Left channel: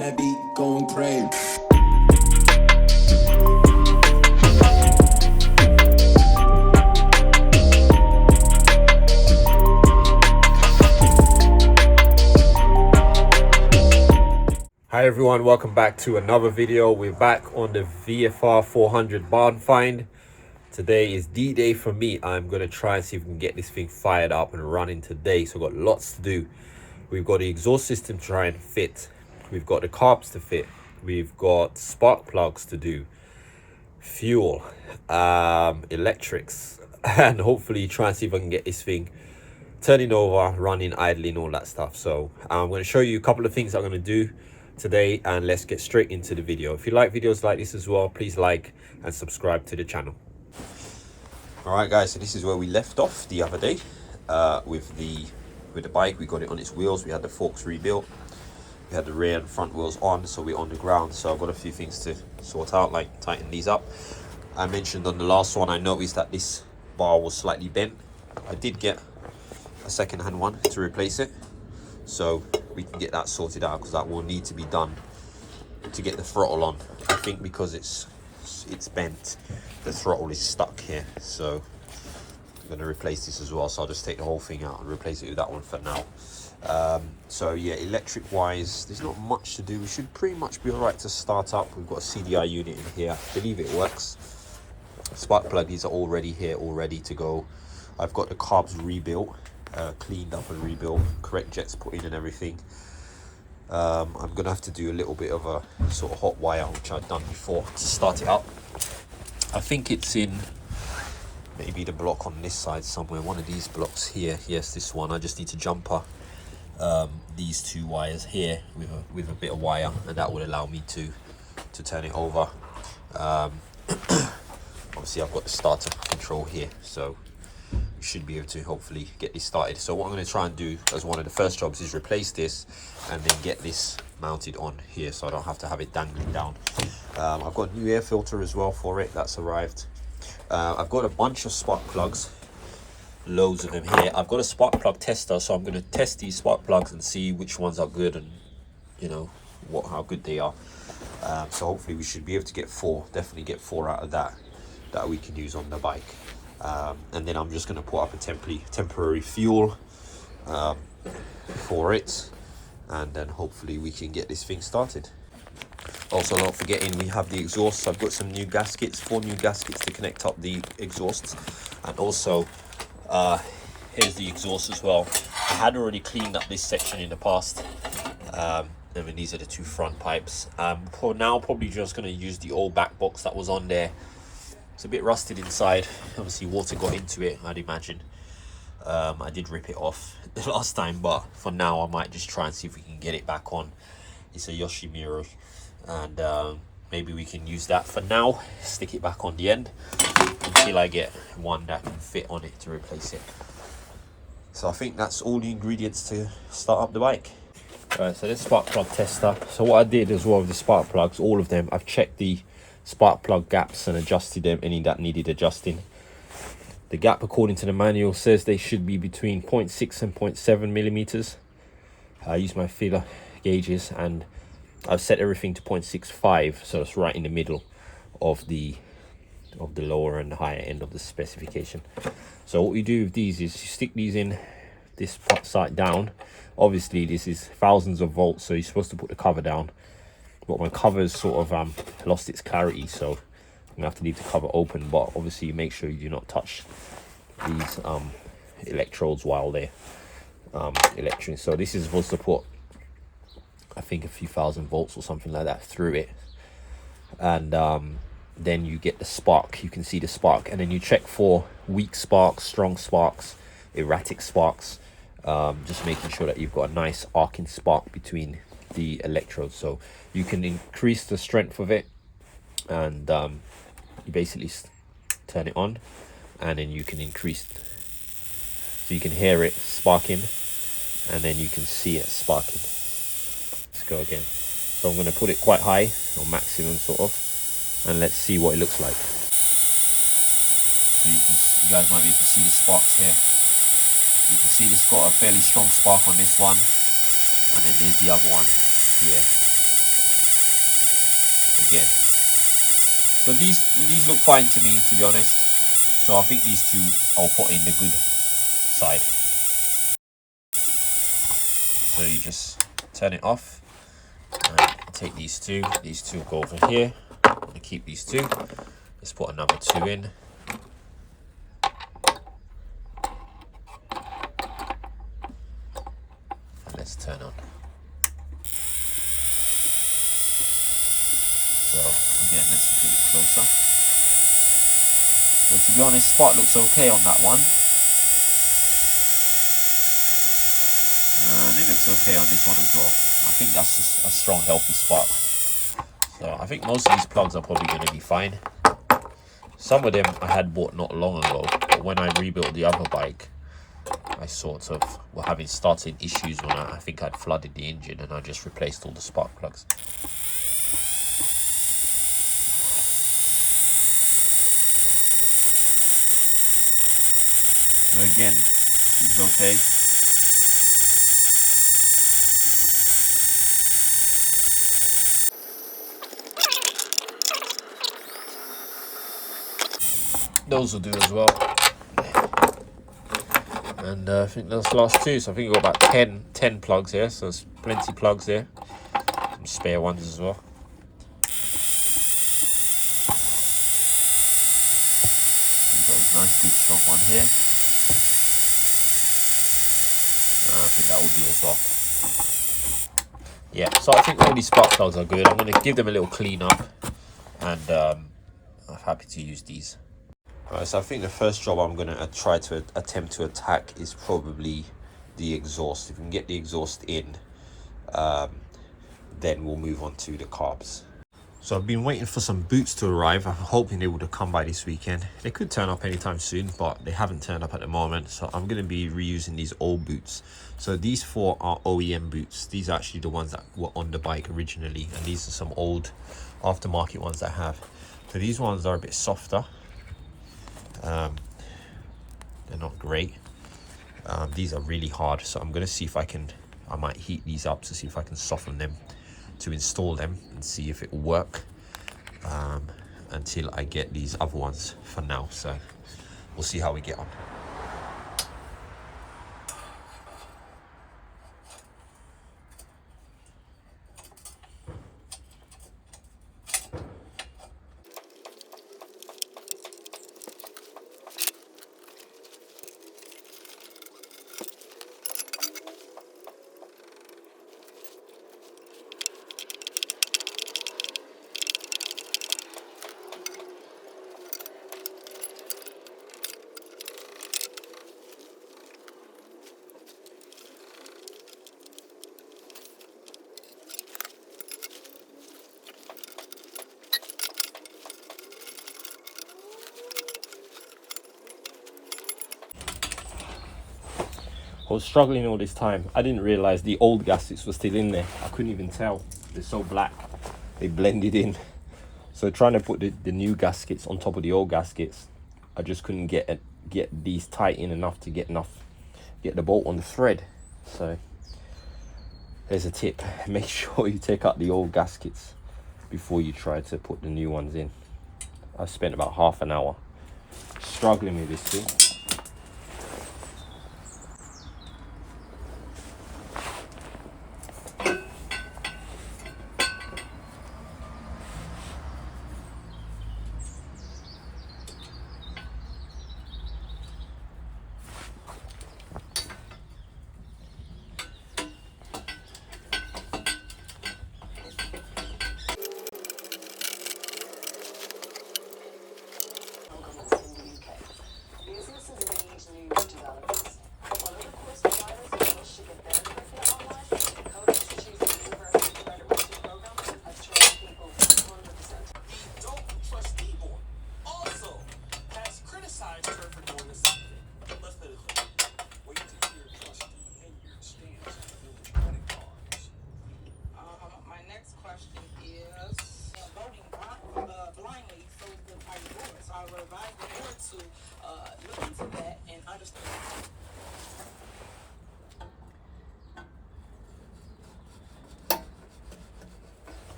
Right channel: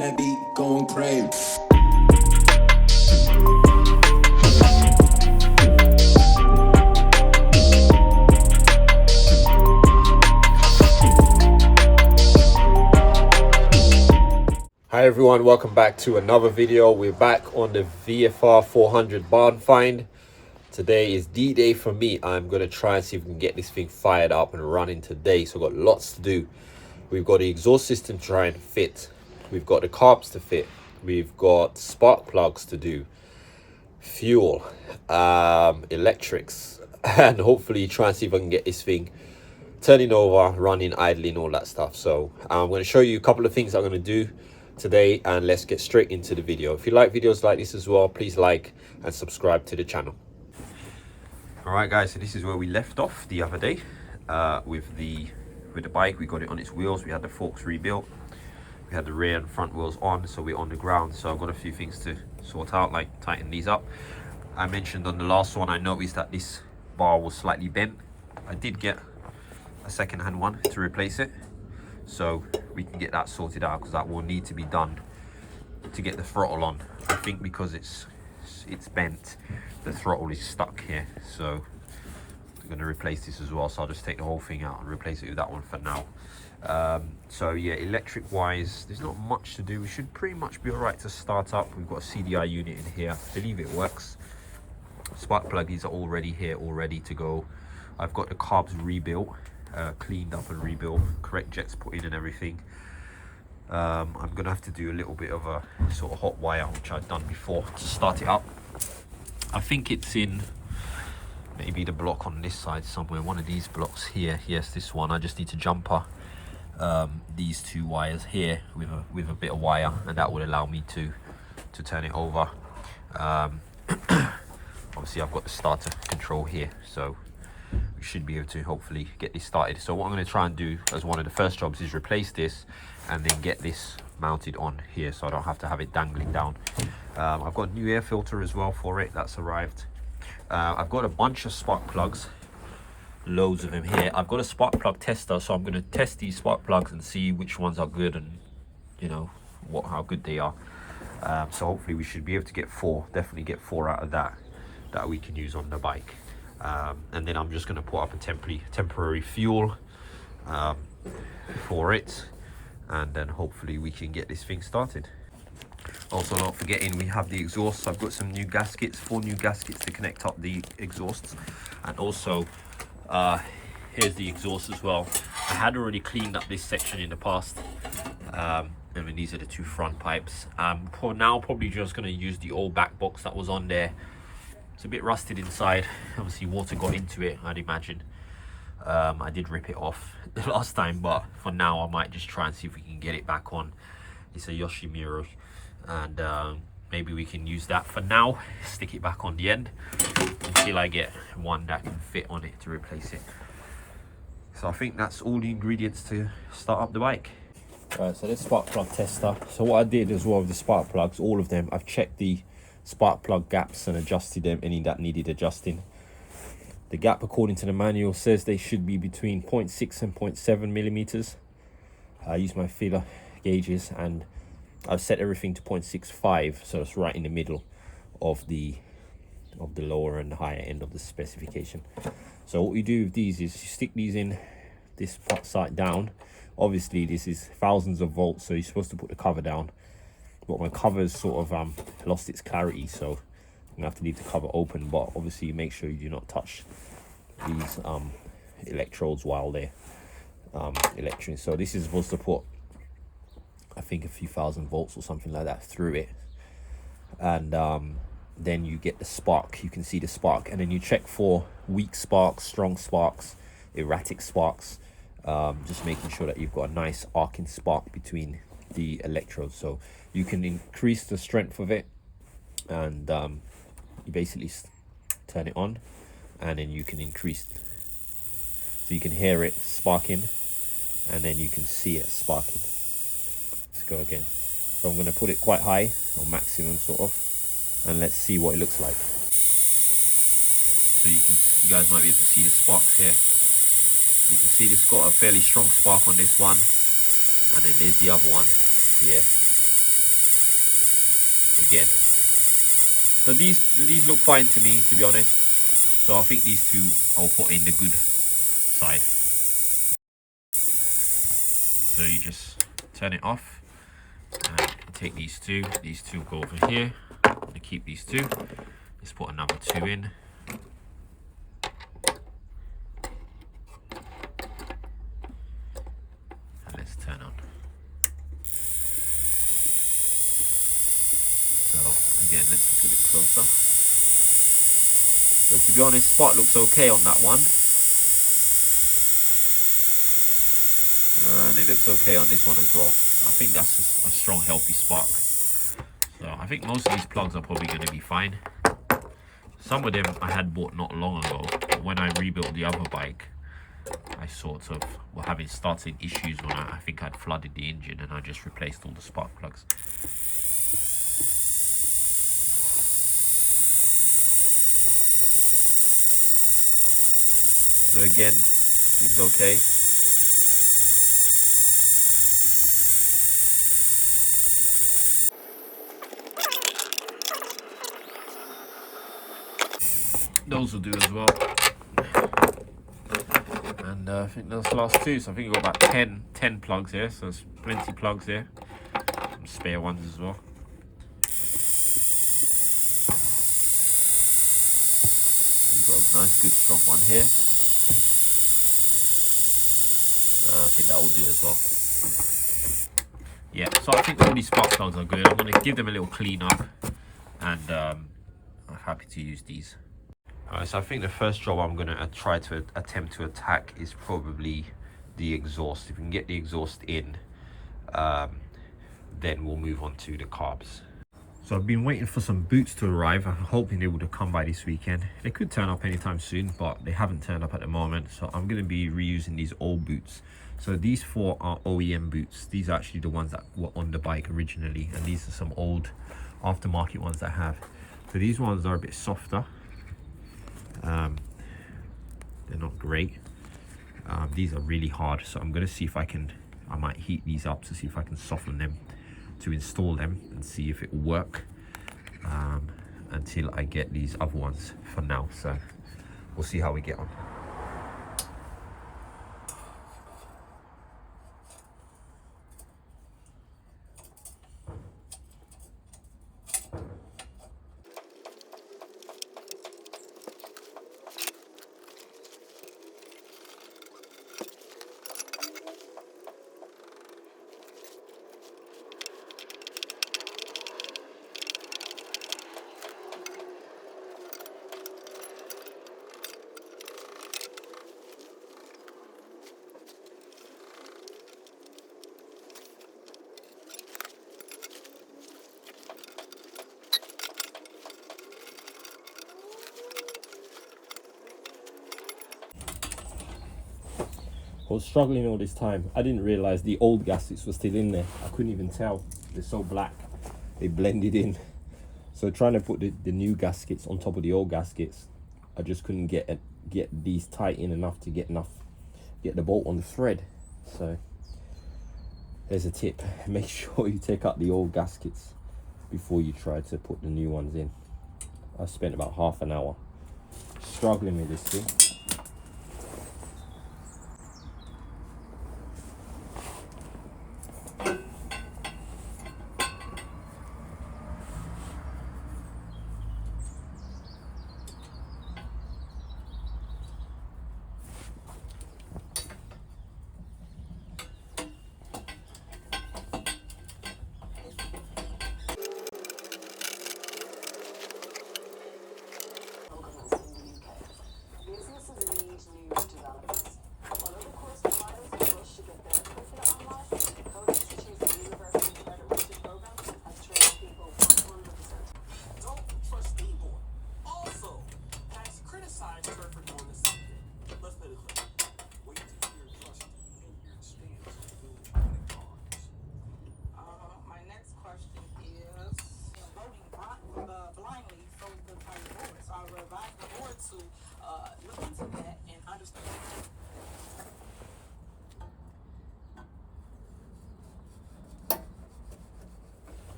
That beat going crazy. Hi everyone, welcome back to another video. We're back on the VFR 400 barn find. Today is D-Day for me. I'm going to try and see if we can get this thing fired up and running today. So I've got lots to do. We've got the exhaust system to try and fit. We've got the carbs to fit. We've got spark plugs to do. Fuel, electrics, and hopefully try and see if I can get this thing turning over, running, idling, all that stuff. So I'm going to show you a couple of things I'm going to do today, and let's get straight into the video. If you like videos like this as well, please like and subscribe to the channel. All right guys, so this is where we left off the other day with the bike. We got it on its wheels. We had the forks rebuilt. We had the rear and front wheels on, so we're on the ground. So I've got a few things to sort out, like tighten these up. I mentioned on the last one, I noticed that this bar was slightly bent. I did get a second-hand one to replace it, so we can get that sorted out, because that will need to be done to get the throttle on. I think because it's bent, the throttle is stuck here, so I'm going to replace this as well. So I'll just take the whole thing out and replace it with that one for now. So yeah, electric wise, there's not much to do. We should pretty much be all right to start up. We've got a CDI unit in here. I believe it works. Spark pluggies are already here, all ready to go. I've got the carbs rebuilt, cleaned up and rebuilt, correct jets put in and everything. I'm gonna have to do a little bit of a sort of hot wire, which I've done before, to start it up. I think it's in maybe the block on this side somewhere, one of these blocks here. Yes, this one. I just need to jumper these two wires here with a bit of wire, and that would allow me to turn it over. Obviously I've got the starter control here, so we should be able to hopefully get this started. So what I'm going to try and do as one of the first jobs is replace this and then get this mounted on here, so I don't have to have it dangling down. I've got a new air filter as well for it, that's arrived. I've got a bunch of spark plugs, loads of them here. I've got a spark plug tester, so I'm going to test these spark plugs and see which ones are good, and you know how good they are. So hopefully we should be able to get definitely get four out of that we can use on the bike. And then I'm just going to put up a temporary fuel for it, and then hopefully we can get this thing started. Also, not forgetting, we have the exhausts. I've got some new gaskets, 4 new gaskets to connect up the exhausts. And also here's the exhaust as well. I had already cleaned up this section in the past. I mean, these are the 2 front pipes. For now, probably just going to use the old back box that was on there. It's a bit rusted inside. Obviously water got into it, I'd imagine. I did rip it off the last time, but for now I might just try and see if we can get it back on. It's a Yoshimura, and maybe we can use that for now. Stick it back on the end until I get one that can fit on it to replace it. So I think that's all the ingredients to start up the bike. Right, so let's spark plug tester. So what I did as well with the spark plugs, all of them, I've checked the spark plug gaps and adjusted them, any that needed adjusting. The gap, according to the manual, says they should be between 0.6 and 0.7 millimeters. I use my feeler gauges and I've set everything to 0.65, so it's right in the middle of the lower and the higher end of the specification. So what we do with these is you stick these in this side down. Obviously this is thousands of volts, so you're supposed to put the cover down, but my cover's sort of lost its clarity, so I'm gonna have to leave the cover open. But obviously you make sure you do not touch these electrodes while they're electric. So this is supposed to put, I think, a few thousand volts or something like that through it, and then you get the spark. You can see the spark, and then you check for weak sparks, strong sparks, erratic sparks, just making sure that you've got a nice arcing spark between the electrodes. So you can increase the strength of it, and you basically turn it on, and then you can increase, so you can hear it sparking, and then you can see it sparking. Let's go again. So I'm going to put it quite high, or maximum sort of, and let's see what it looks like. So you guys might be able to see the sparks here. You can see it's got a fairly strong spark on this one, and then there's the other one here. again. So these look fine to me, to be honest. So I think these two I'll put in the good side. So you just turn it off and take these two go over here. I'm gonna keep these two. Let's put another two in. And let's turn on. So again, let's look a bit closer. So to be honest, spark looks okay on that one. And it looks okay on this one as well. I think that's a strong, healthy spark. So I think most of these plugs are probably going to be fine. Some of them I had bought not long ago, but when I rebuilt the other bike, I sort of were having starting issues when I think I'd flooded the engine, and I just replaced all the spark plugs. So again, it's okay. Those will do as well. And I think those last two, so I think we've got about 10 plugs here, so there's plenty of plugs here. Some spare ones as well. We've got a nice good strong one here. I think that will do as well. Yeah, so I think all these spark plugs are good. I'm going to give them a little clean up, and I'm happy to use these. Alright, so I think the first job I'm going to try to attempt to attack is probably the exhaust. If we can get the exhaust in, then we'll move on to the carbs. So I've been waiting for some boots to arrive. I'm hoping they would have come by this weekend. They could turn up anytime soon, but they haven't turned up at the moment. So I'm going to be reusing these old boots. So these four are OEM boots. These are actually the ones that were on the bike originally. And these are some old aftermarket ones that I have. So these ones are a bit softer. They're not great. These are really hard. So I'm going to see if I might heat these up to see if I can soften them to install them and see if it will work until I get these other ones for now. So we'll see how we get on. I was struggling all this time. I didn't realize the old gaskets were still in there. I couldn't even tell. They're so black. They blended in. So trying to put the new gaskets on top of the old gaskets, I just couldn't get these tight in enough to get the bolt on the thread. So there's a tip. Make sure you take out the old gaskets before you try to put the new ones in. I spent about half an hour struggling with this thing.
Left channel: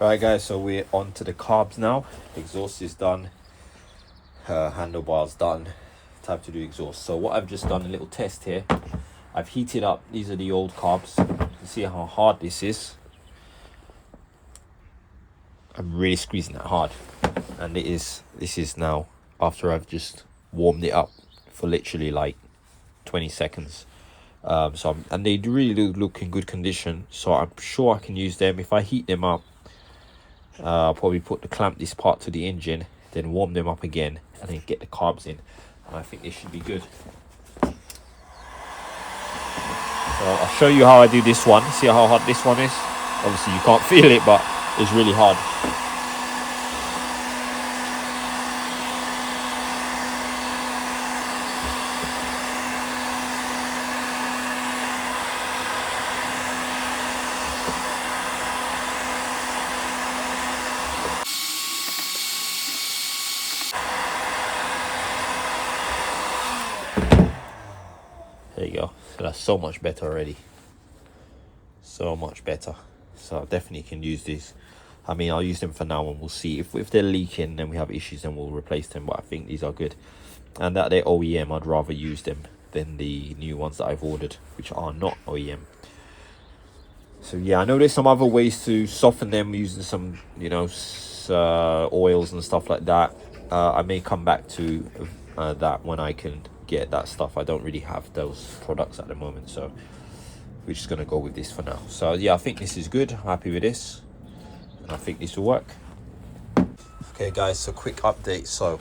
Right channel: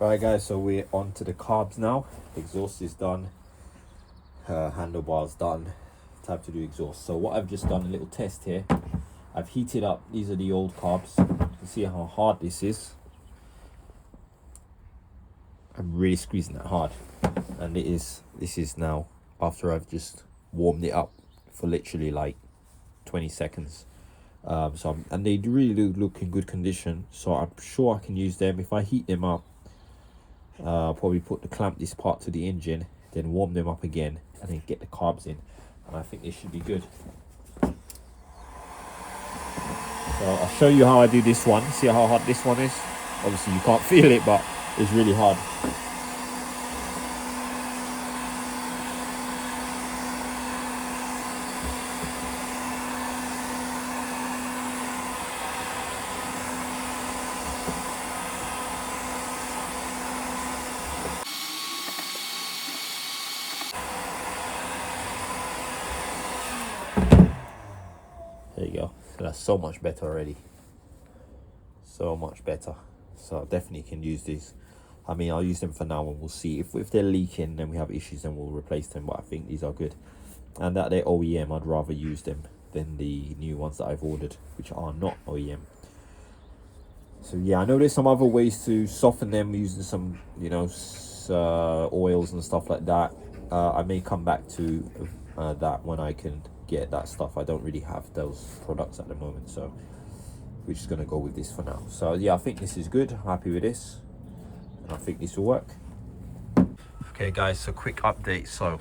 Right guys, so we're on to the carbs now. Exhaust is done, handlebars done, time to do exhaust. So what I've just done, a little test here. I've heated up, these are the old carbs. You can see how hard this is. I'm really squeezing that hard. And this is now after I've just warmed it up for literally like 20 seconds. And they really do look in good condition, so I'm sure I can use them. If I heat them up, I'll probably clamp this part to the engine, then warm them up again, and then get the carbs in, and I think they should be good. So I'll show you how I do this one. See how hard this one is? Obviously you can't feel it, but it's really hard. There you go. So that's so much better already. So much better. So I definitely can use these. I mean, I'll use them for now and we'll see. If they're leaking, then we have issues, then we'll replace them. But I think these are good. And that they're OEM, I'd rather use them than the new ones that I've ordered, which are not OEM. So yeah, I know there's some other ways to soften them using some, you know, oils and stuff like that. I may come back to that when I can get that stuff. I don't really have those products at the moment, so which is going to go with this for now. So yeah, I think this is good. I'm happy with this. I think this will work. Okay guys, so quick update. So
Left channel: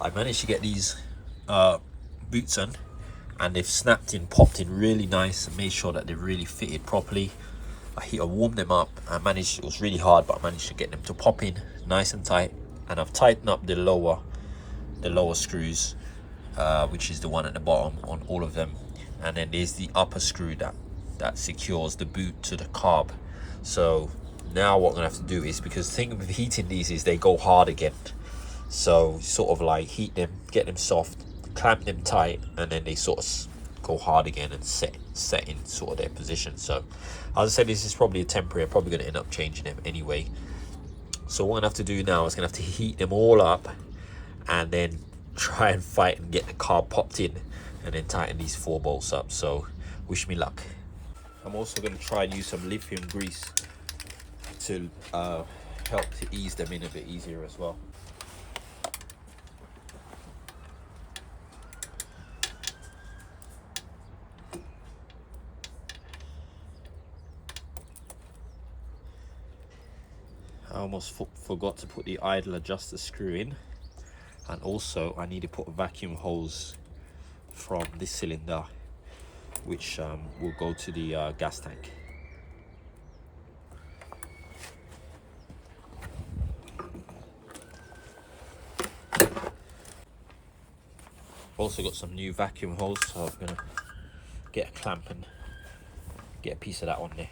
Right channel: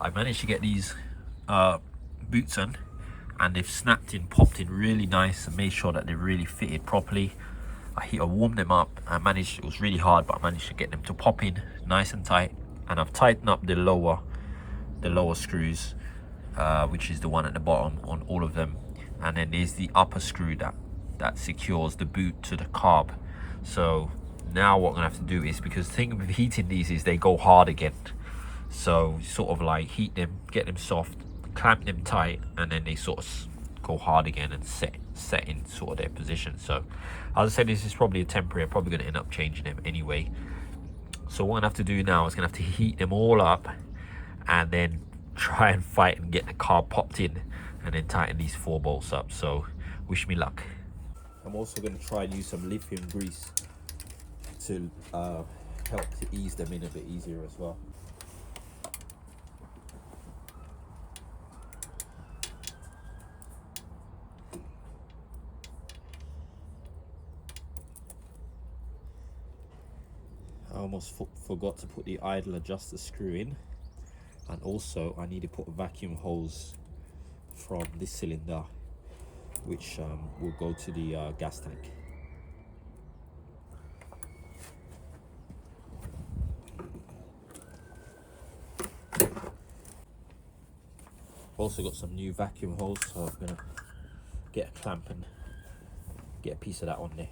I managed to get these boots on, and they've snapped in, popped in really nice, and made sure that they really fitted properly. I warmed them up. I managed, it was really hard, but I managed to get them to pop in nice and tight. And I've tightened up the lower screws, which is the one at the bottom on all of them. And then there's the upper screw that secures the boot to the carb. So now what I'm gonna have to do is, because the thing with heating these is they go hard again. So sort of like heat them, get them soft, clamp them tight, and then they sort of go hard again and set in sort of their position. So as I said, this is probably a temporary. I'm probably going to end up changing them anyway. So what I'm gonna have to do now is gonna have to heat them all up, and then try and fight and get the carb popped in, and then tighten these 4 bolts up. So wish me luck. I'm also going to try and use some lithium grease to help to ease them in a bit easier as well. I almost forgot to put the idle adjuster screw in, and also I need to put a vacuum hose from this cylinder, which will go to the gas tank. Also got some new vacuum hose, so I'm gonna get a clamp and get a piece of that on there.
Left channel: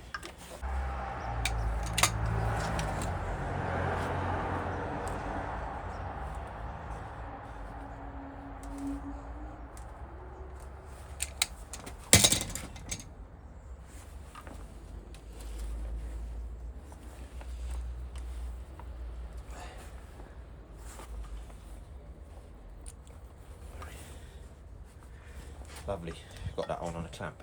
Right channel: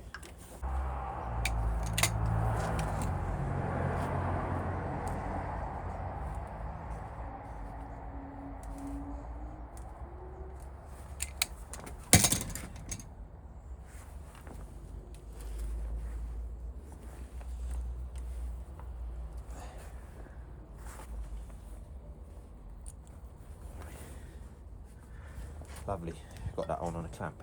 Lovely, got that on a clamp.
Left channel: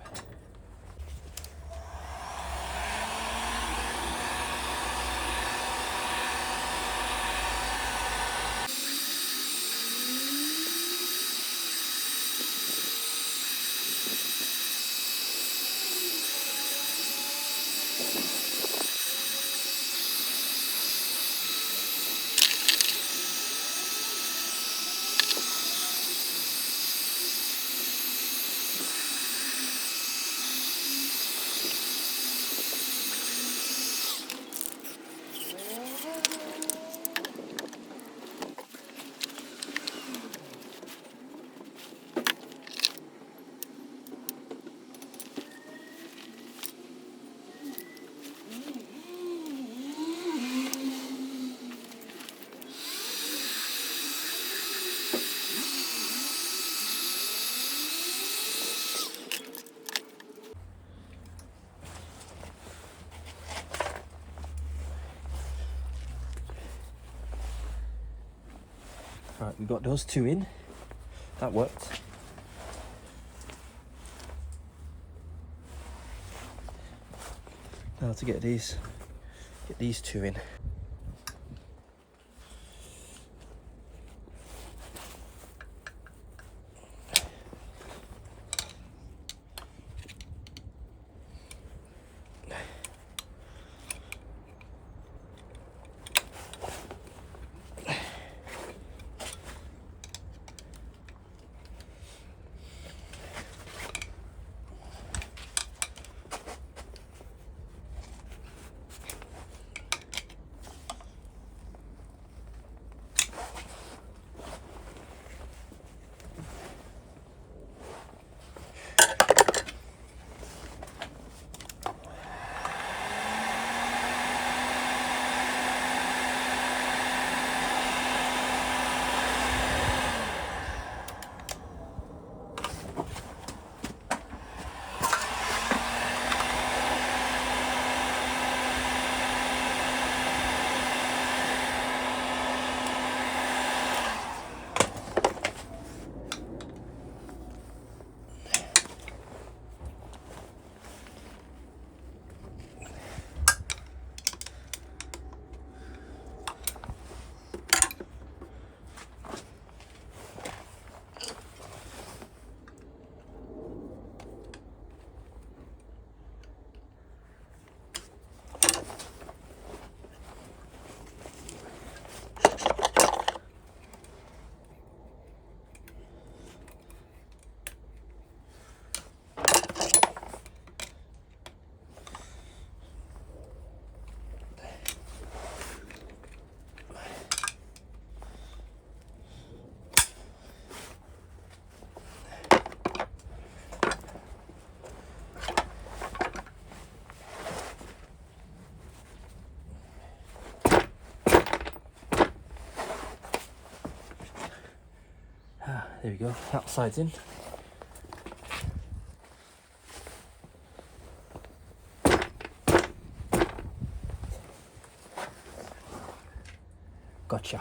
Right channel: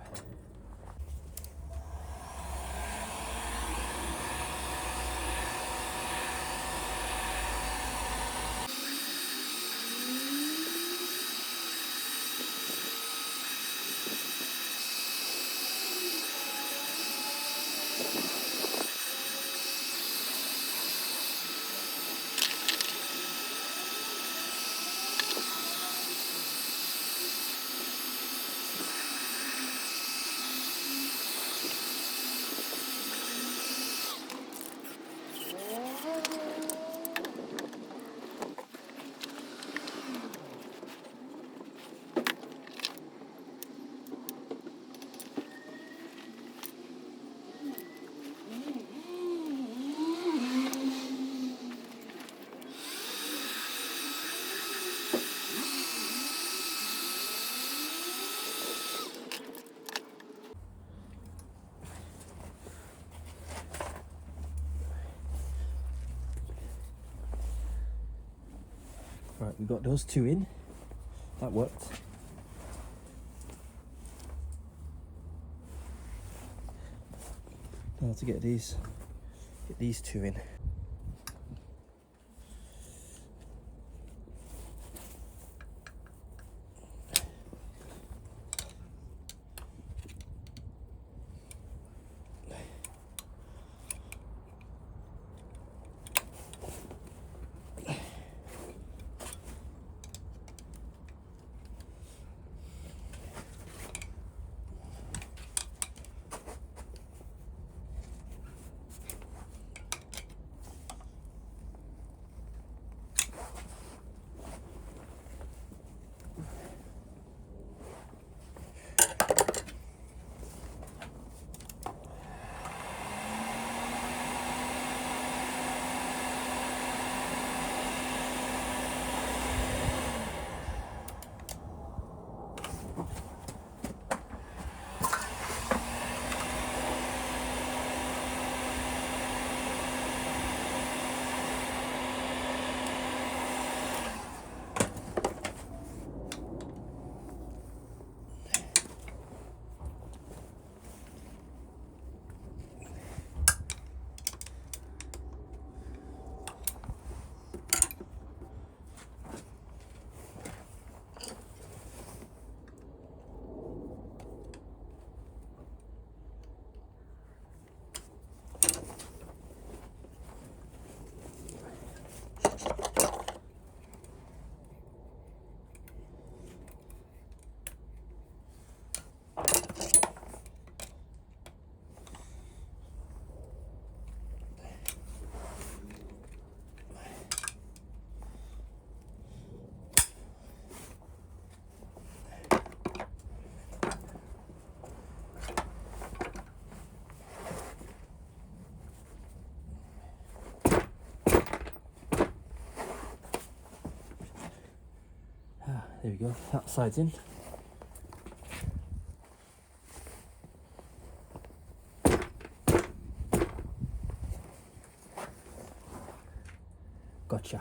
Right, we got those 2 in. That worked. Now to get these 2 in. there we go, that side's in. Gotcha.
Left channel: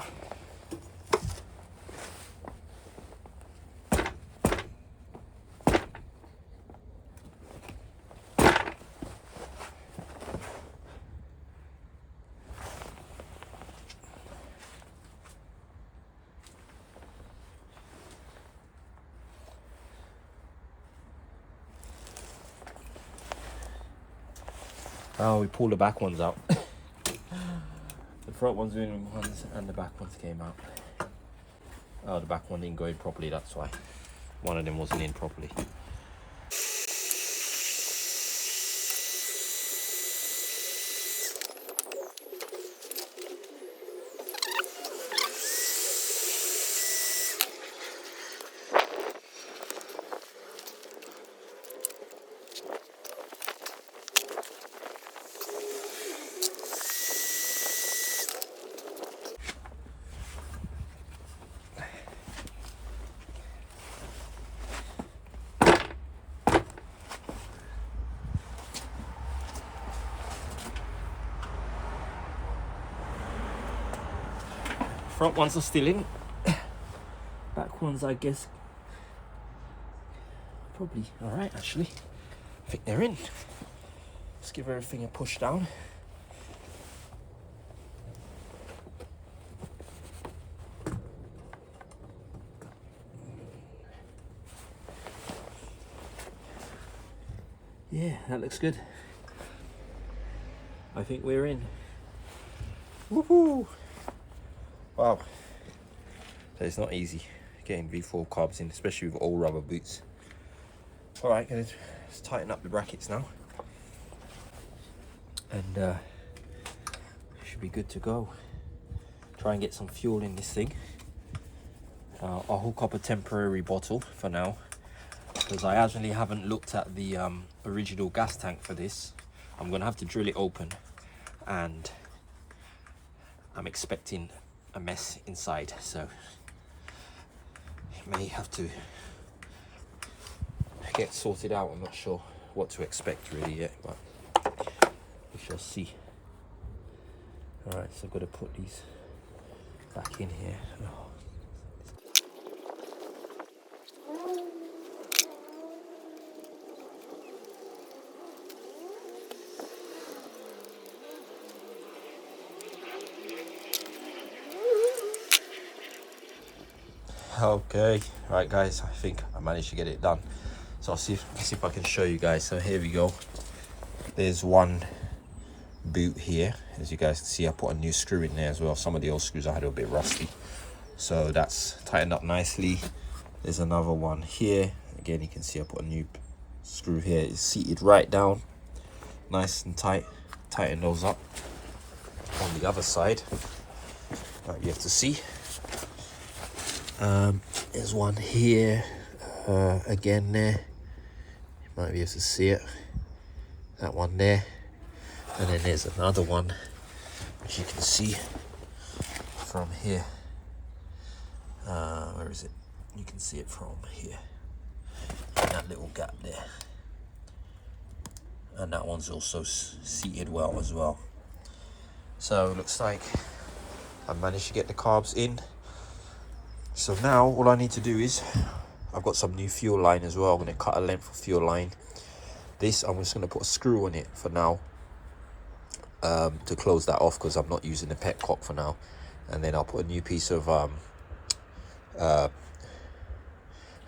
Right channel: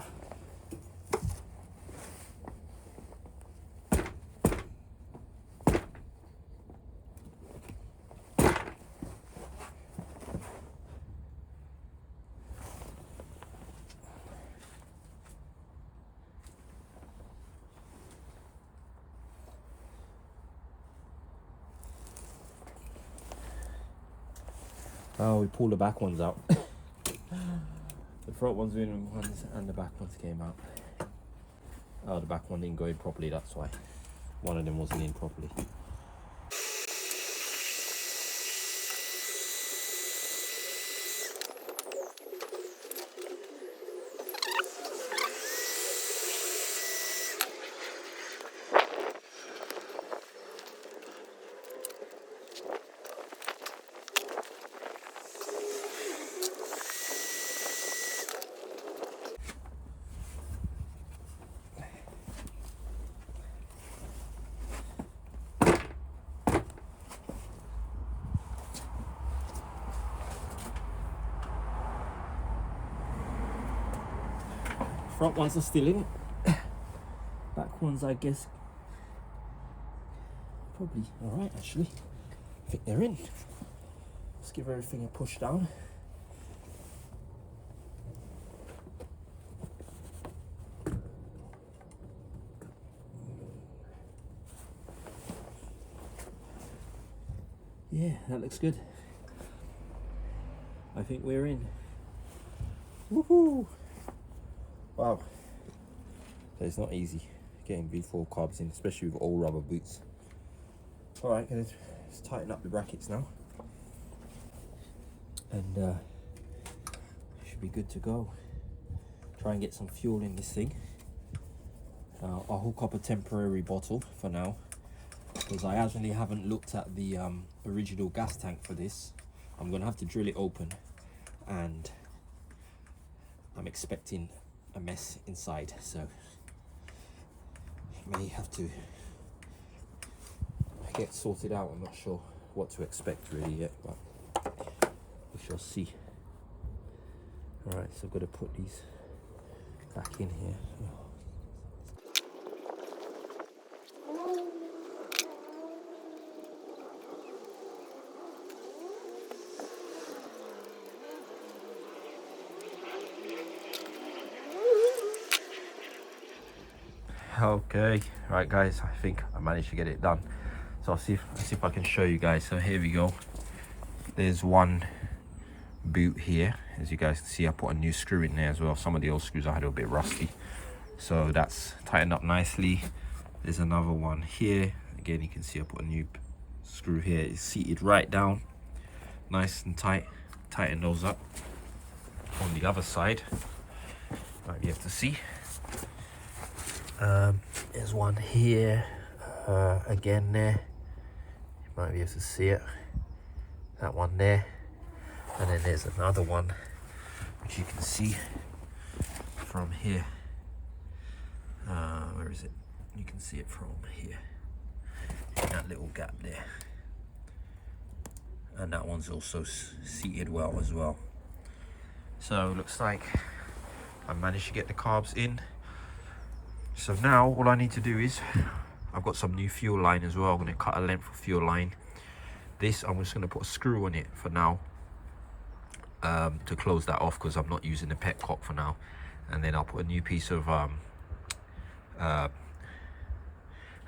Oh, we pulled the back ones out. The front ones were in ones and the back ones came out. Oh, the back one didn't go in properly, that's why. One of them wasn't in properly. Front ones are still in. Back ones, I guess, probably all right, actually. I think they're in. Let's give everything a push down. Yeah, that looks good. I think we're in. Woohoo! Wow. So it's not easy getting V4 carbs in, especially with all rubber boots. All right, let's tighten up the brackets now. And should be good to go. Try and get some fuel in this thing. I'll hook up a temporary bottle for now, because I actually haven't looked at the original gas tank for this. I'm gonna have to drill it open, and I'm expecting a mess inside, so it may have to get sorted out. I'm not sure what to expect really yet, but we shall see. All right, so I've got to put these back in here. Okay, right guys, I think I managed to get it done. So let's see if I can show you guys. So here we go. There's one boot here. As you guys can see, I put a new screw in there as well. Some of the old screws I had a bit rusty, so that's tightened up nicely. There's another one here. Again, you can see I put a new screw here. It's seated right down, nice and tight. Tighten those up. On the other side, you have to see. There's one here, again there, you might be able to see it, that one there, and then there's another one which you can see from here. Where is it? You can see it from here, in that little gap there, and that one's also seated well as well. So it looks like I managed to get the carbs in. So now all I need to do is, I've got some new fuel line as well. I'm going to cut a length of fuel line. This, I'm just going to put a screw on it for now, to close that off, because I'm not using the petcock for now. And then I'll put a new piece of,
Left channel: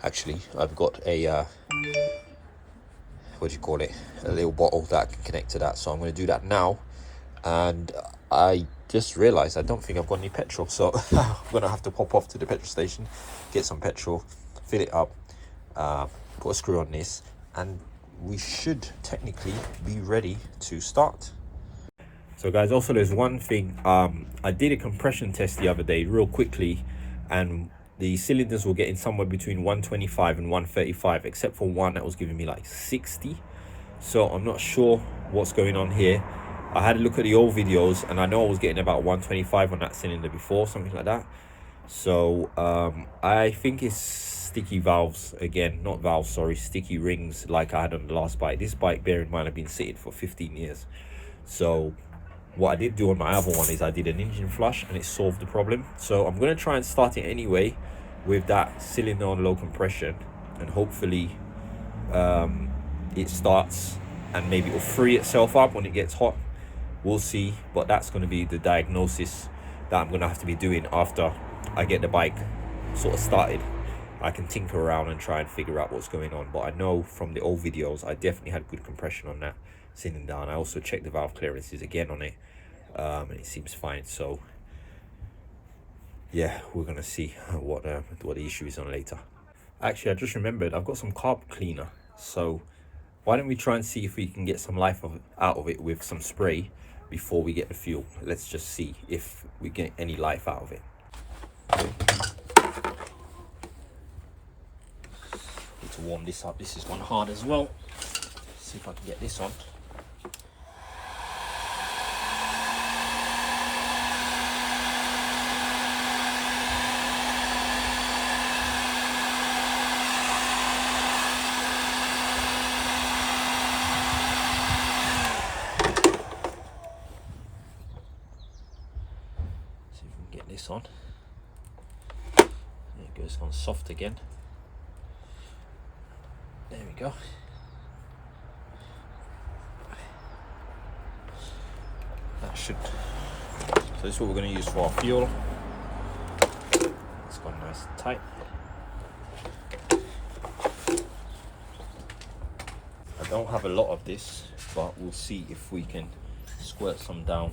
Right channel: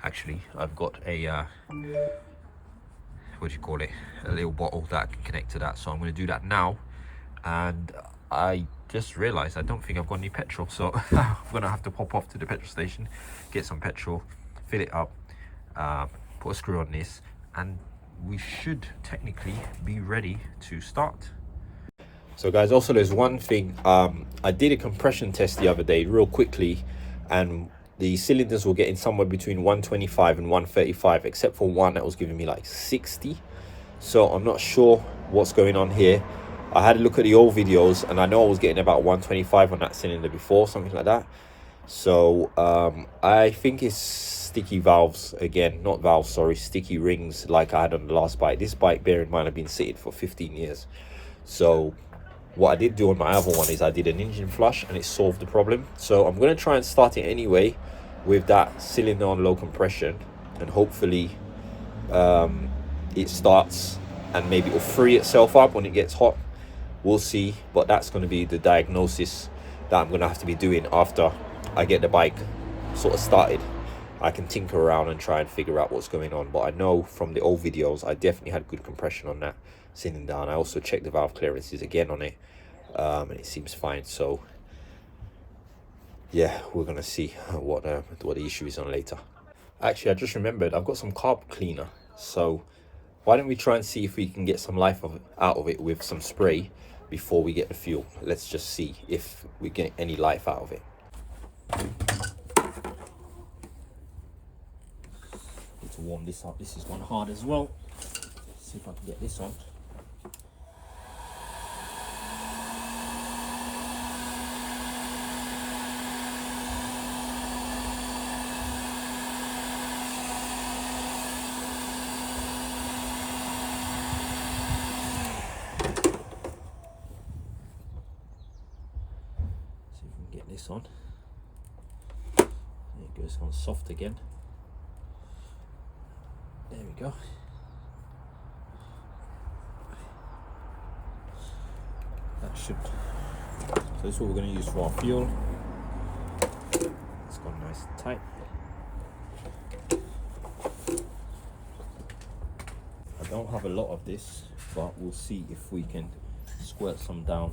actually, I've got a, what do you call it? A little bottle that I can connect to that. So I'm going to do that now. And I just realized I don't think I've got any petrol, so I'm gonna have to pop off to the petrol station, get some petrol, fill it up, put a screw on this, and we should technically be ready to start. So guys, also there's one thing, I did a compression test the other day real quickly, and the cylinders were getting somewhere between 125 and 135, except for one that was giving me like 60. So I'm not sure what's going on here. I had a look at the old videos, and I know I was getting about 125 on that cylinder before, something like that. So I think it's sticky valves again, not valves, sorry, sticky rings like I had on the last bike. This bike, bear in mind, I've been sitting for 15 years. So what I did do on my other one is I did an engine flush and it solved the problem. So I'm going to try and start it anyway with that cylinder on low compression, and hopefully it starts and maybe it'll free itself up when it gets hot. We'll see, but that's going to be the diagnosis that I'm going to have to be doing after I get the bike sort of started. I can tinker around and try and figure out what's going on, but I know from the old videos I definitely had good compression on that cylinder, and I also checked the valve clearances again on it, and it seems fine. So yeah, we're gonna see what the issue is on later. Actually, I just remembered I've got some carb cleaner, so why don't we try and see if we can get some life out of it with some spray before we get the fuel. Let's just see if we get any life out of it. Need to warm this up. This is one hard as well. See if I can get this on. Get this on. There it goes, on soft again. There we go. That should. So this is what we're going to use for our fuel. It's gone nice and tight. I don't have a lot of this, but we'll see if we can squirt some down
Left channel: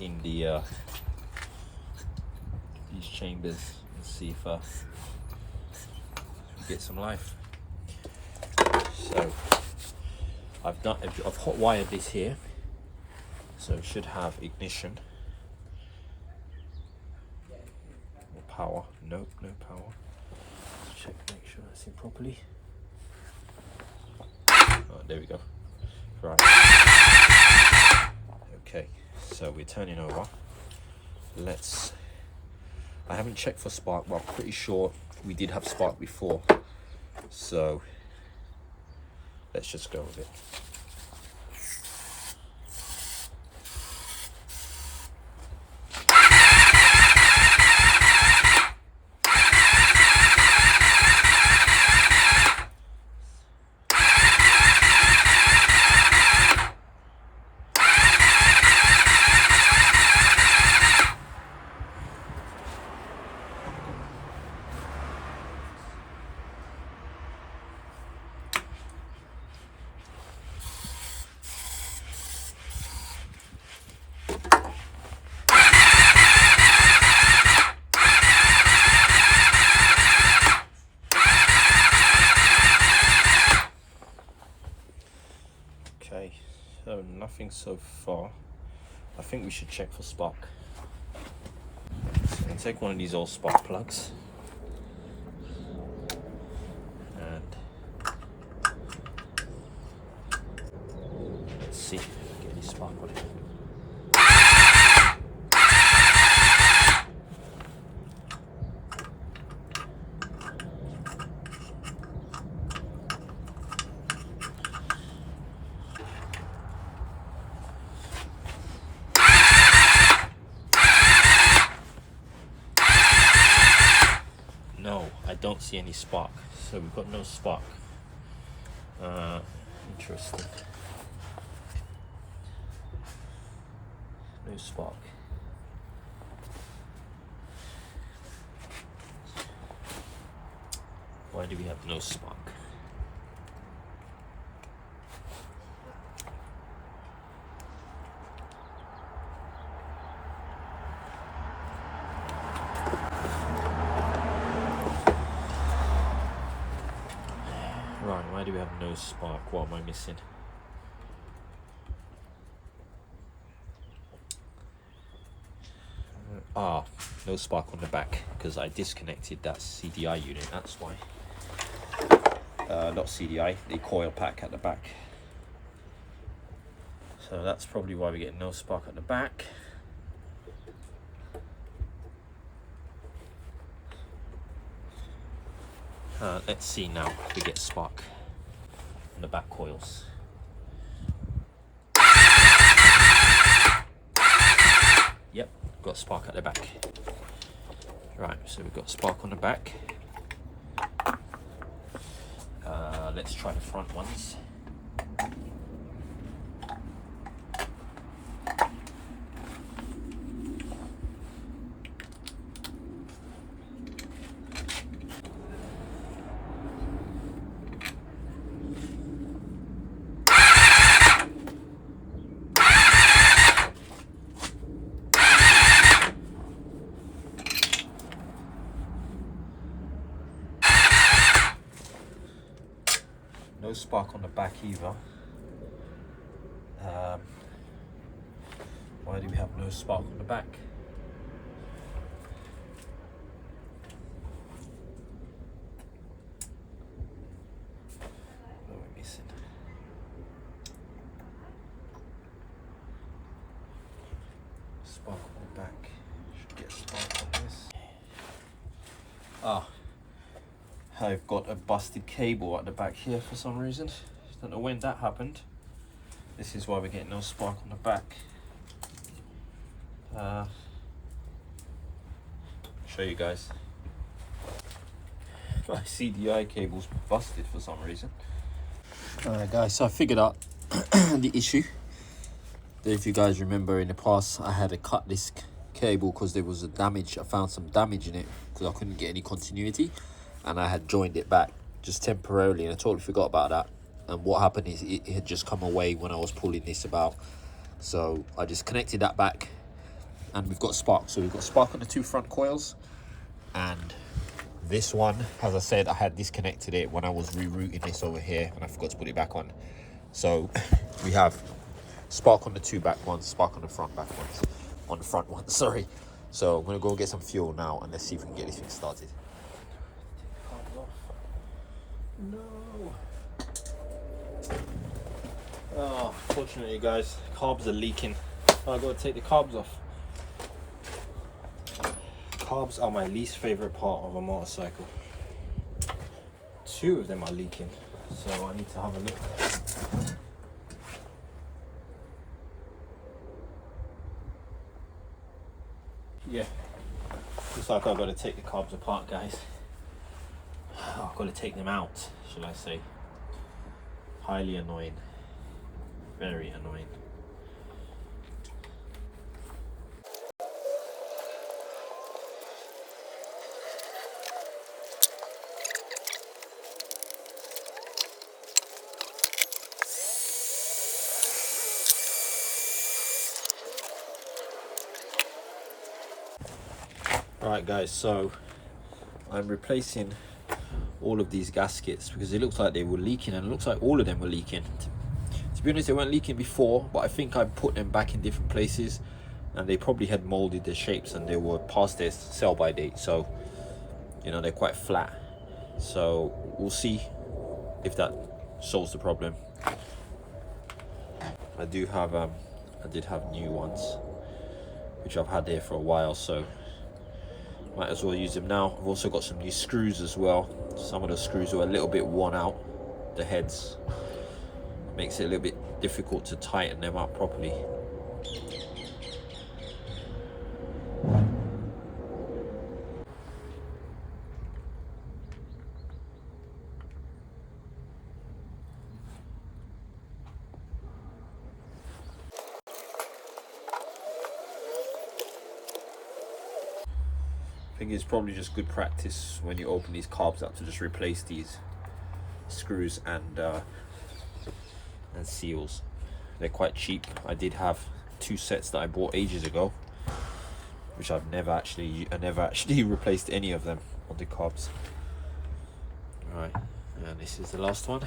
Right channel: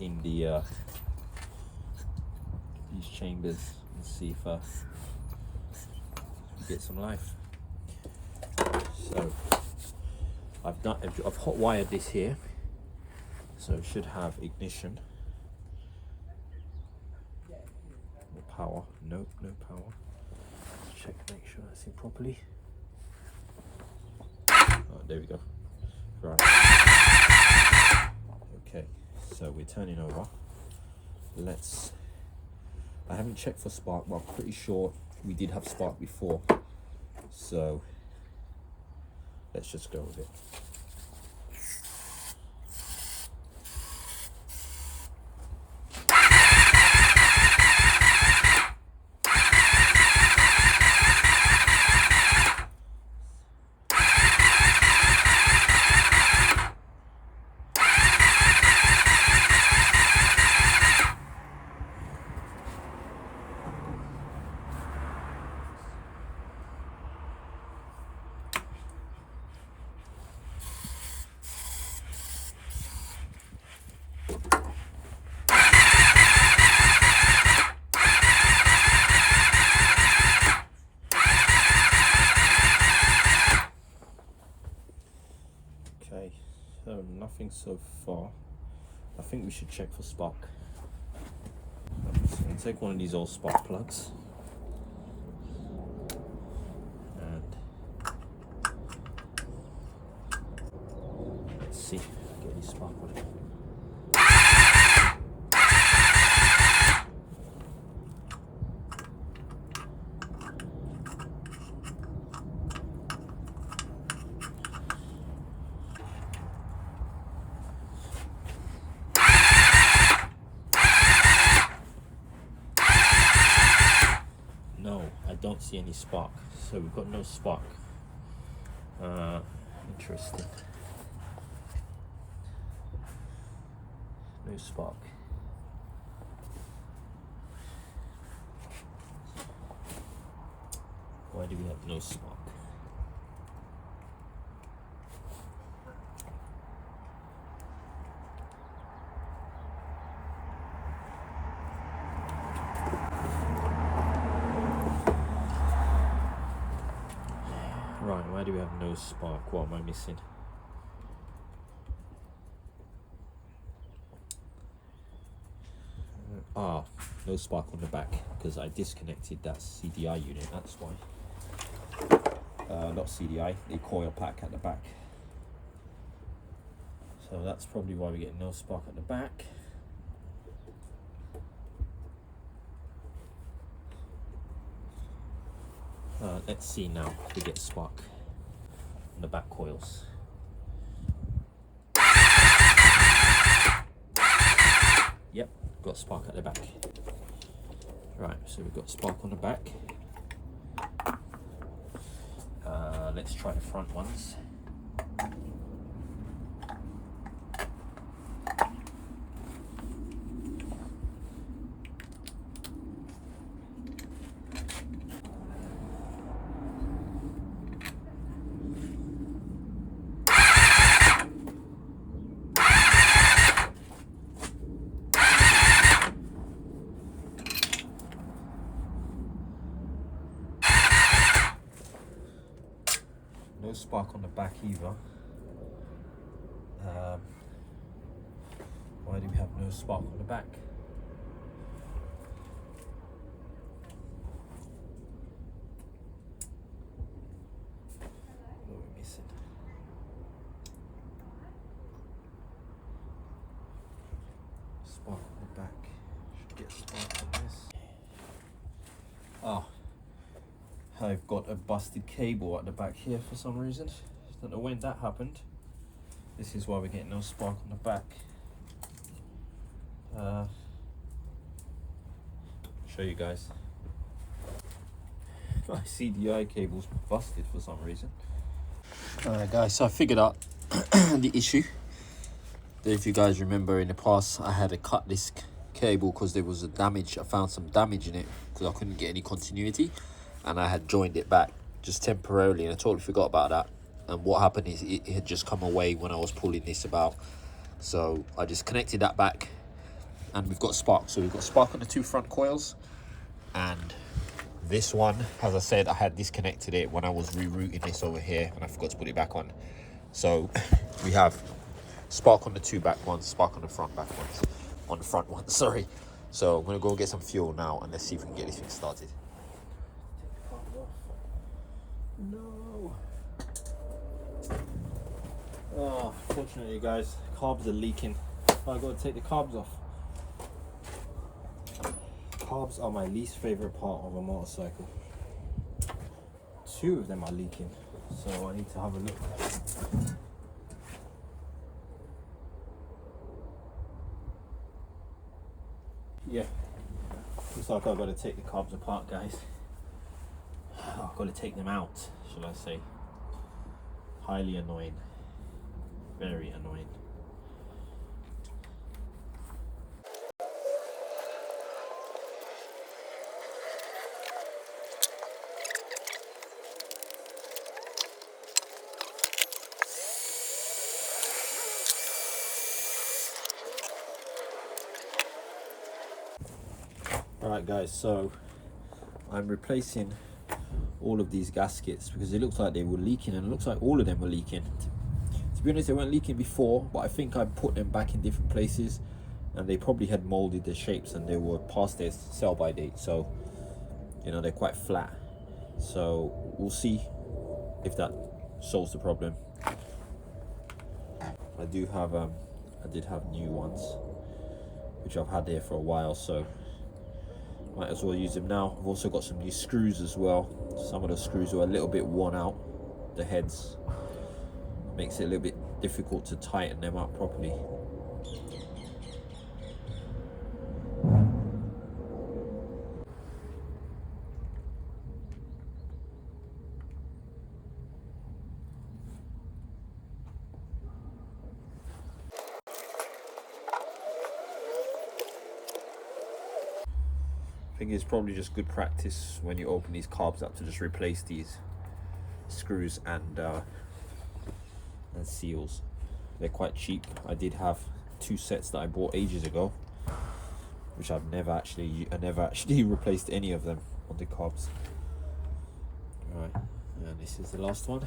in the these chambers and see if we get some life. So I've hot wired this here, so it should have ignition. No power. Nope, no power. Let's check, make sure that's in properly. Oh, there we go. Right. Okay, so we're turning over. I haven't checked for spark, but I'm pretty sure we did have spark before. So let's just go with it. Okay, so nothing so far. I think we should check for spark. So take one of these old spark plugs and let's see if we get any spark on it. Don't see any spark, so we've got no spark. Interesting. No spark. Why do we have no spark? Right, why do we have no spark? What am I missing? No spark on the back because I disconnected that CDI unit, that's why. Not CDI, the coil pack at the back. So that's probably why we get no spark at the back. Let's see now if we get spark on the back coils. Yep, got spark at the back. Right, so we've got spark on the back. Let's try the front ones. No spark on the back either. Why do we have no spark on the back? What are we missing? Spark on the back. Should get spark on this. Ah. I've got a busted cable at the back here for some reason. Don't know when that happened. This is why we're getting no spark on the back. Show you guys. My CDI cable's busted for some reason. Alright guys, so I figured out the issue. If you guys remember in the past, I had to cut this cable because there was a damage. I found some damage in it because I couldn't get any continuity. And I had joined it back just temporarily, and I totally forgot about that. And what happened is it had just come away when I was pulling this about. So I just connected that back, and we've got spark. So we've got spark on the two front coils, and this one, as I said, I had disconnected it when I was rerouting this over here, and I forgot to put it back on. So we have spark on the two back ones, spark on the front back ones, on the front one, sorry. So I'm gonna go get some fuel now, and let's see if we can get this thing started. No. Oh, fortunately guys, carbs are leaking. So I gotta take the carbs off. Carbs are my least favorite part of a motorcycle. Two of them are leaking, so I need to have a look. Yeah, looks like I've got to take the carbs apart, guys. I've got to take them out, shall I say. Highly annoying. Very annoying. Alright guys, so I'm replacing all of these gaskets because it looks like they were leaking, and it looks like all of them were leaking. To be honest, they weren't leaking before, but I think I put them back in different places and they probably had molded their shapes and they were past their sell by date, so you know, they're quite flat. So we'll see if that solves the problem. I did have new ones which I've had there for a while, so might as well use them now. I've also got some new screws as well. Some of the screws were a little bit worn out, the heads. Makes it a little bit difficult to tighten them up properly. I think it's probably just good practice when you open these carbs up to just replace these screws and seals. They're quite cheap. I did have 2 sets that I bought ages ago, which I never actually replaced any of them on the carbs. Right, and this is the last one.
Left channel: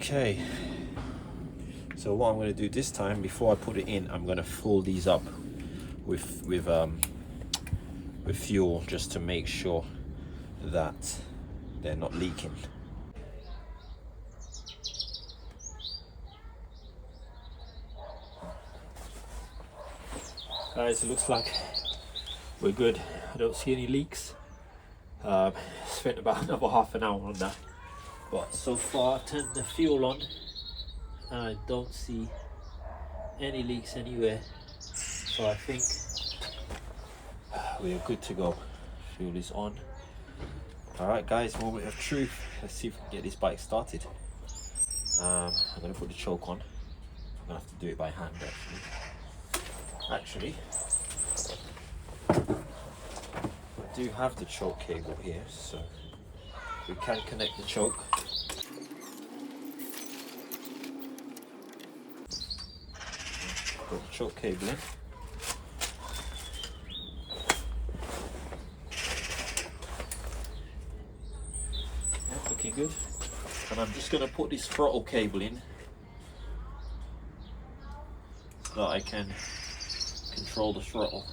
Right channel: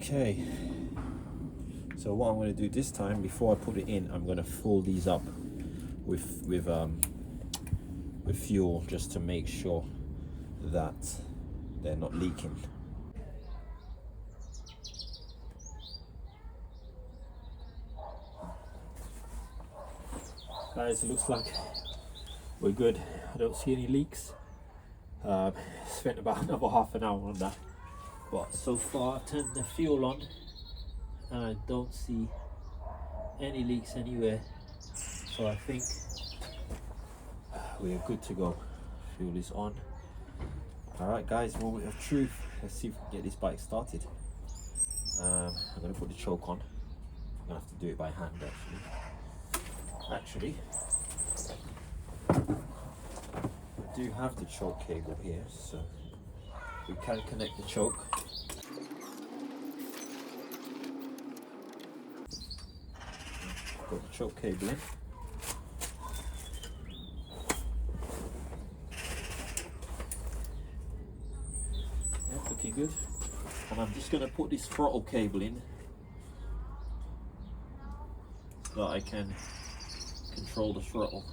Okay, So what I'm going to do this time, before I put it in, I'm going to fill these up with fuel, just to make sure that they're not leaking. Guys, it looks like we're good. I don't see any leaks. Spent about another half an hour on that, but so far I've turned the fuel on and I don't see any leaks anywhere, so I think we are good to go. Fuel is on. Alright guys, moment of truth. Let's see if we can get this bike started. I'm going to put the choke on. I'm going to have to do it by hand actually. I do have the choke cable here, so we can connect the choke. Put the choke cable in. Yeah, looking good. And I'm just going to put this throttle cable in so that I can control the throttle.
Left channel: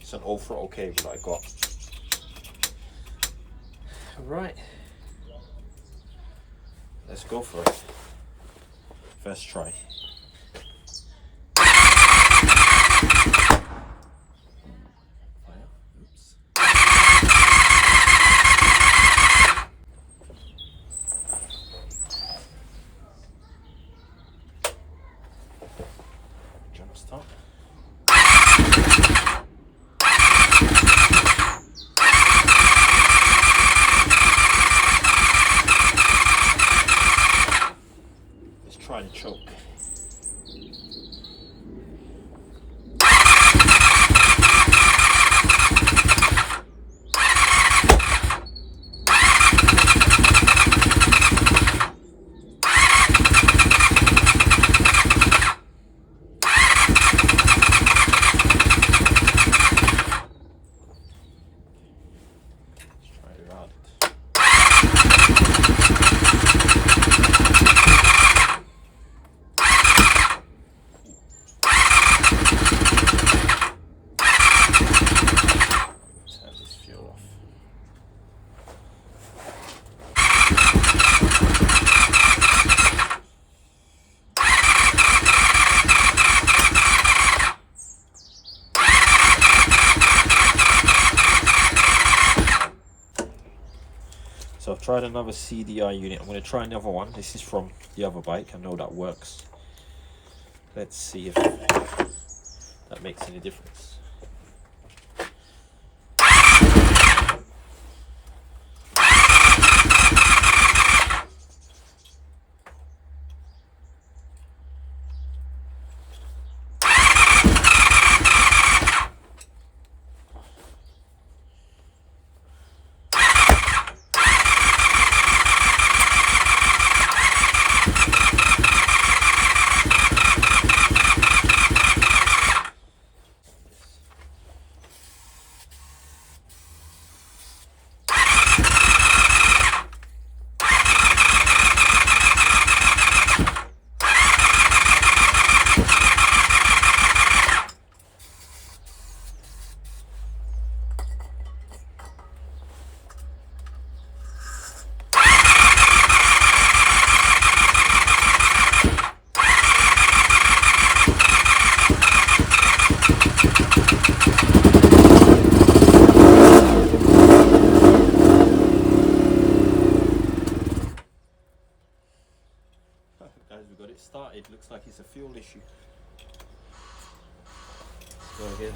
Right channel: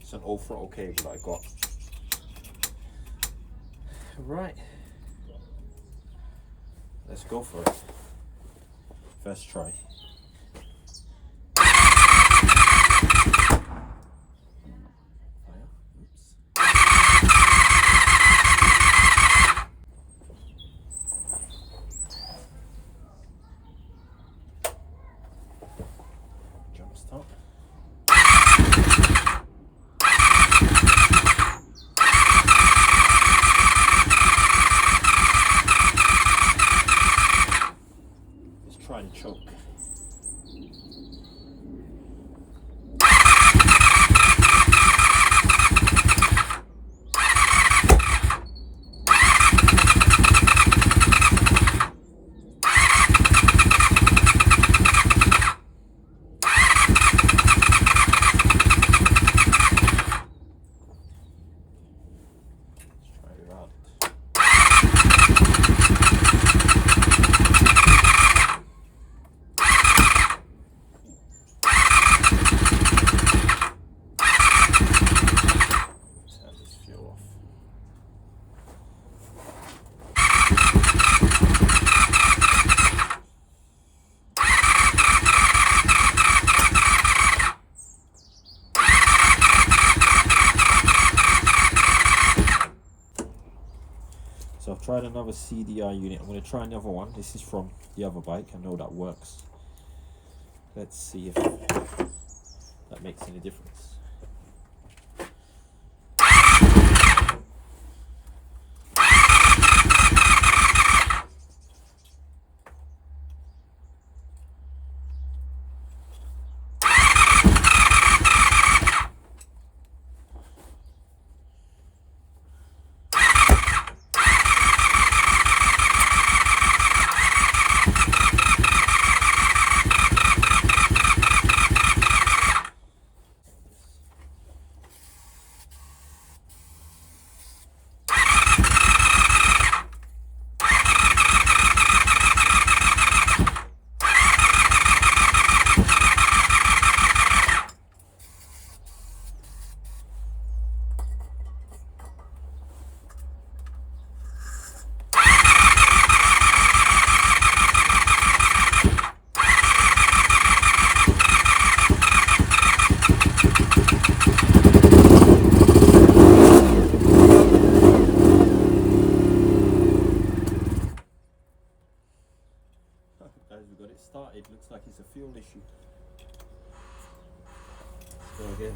It's an old throttle cable that I got. Right, let's go for it. First try. Jump start. Let's try the choke. So I've tried another CDI unit. I'm going to try another one. This is from the other bike. I know that works. Let's see if that makes any difference. Guys, we got it started. Looks like it's a fuel issue. Let's go again.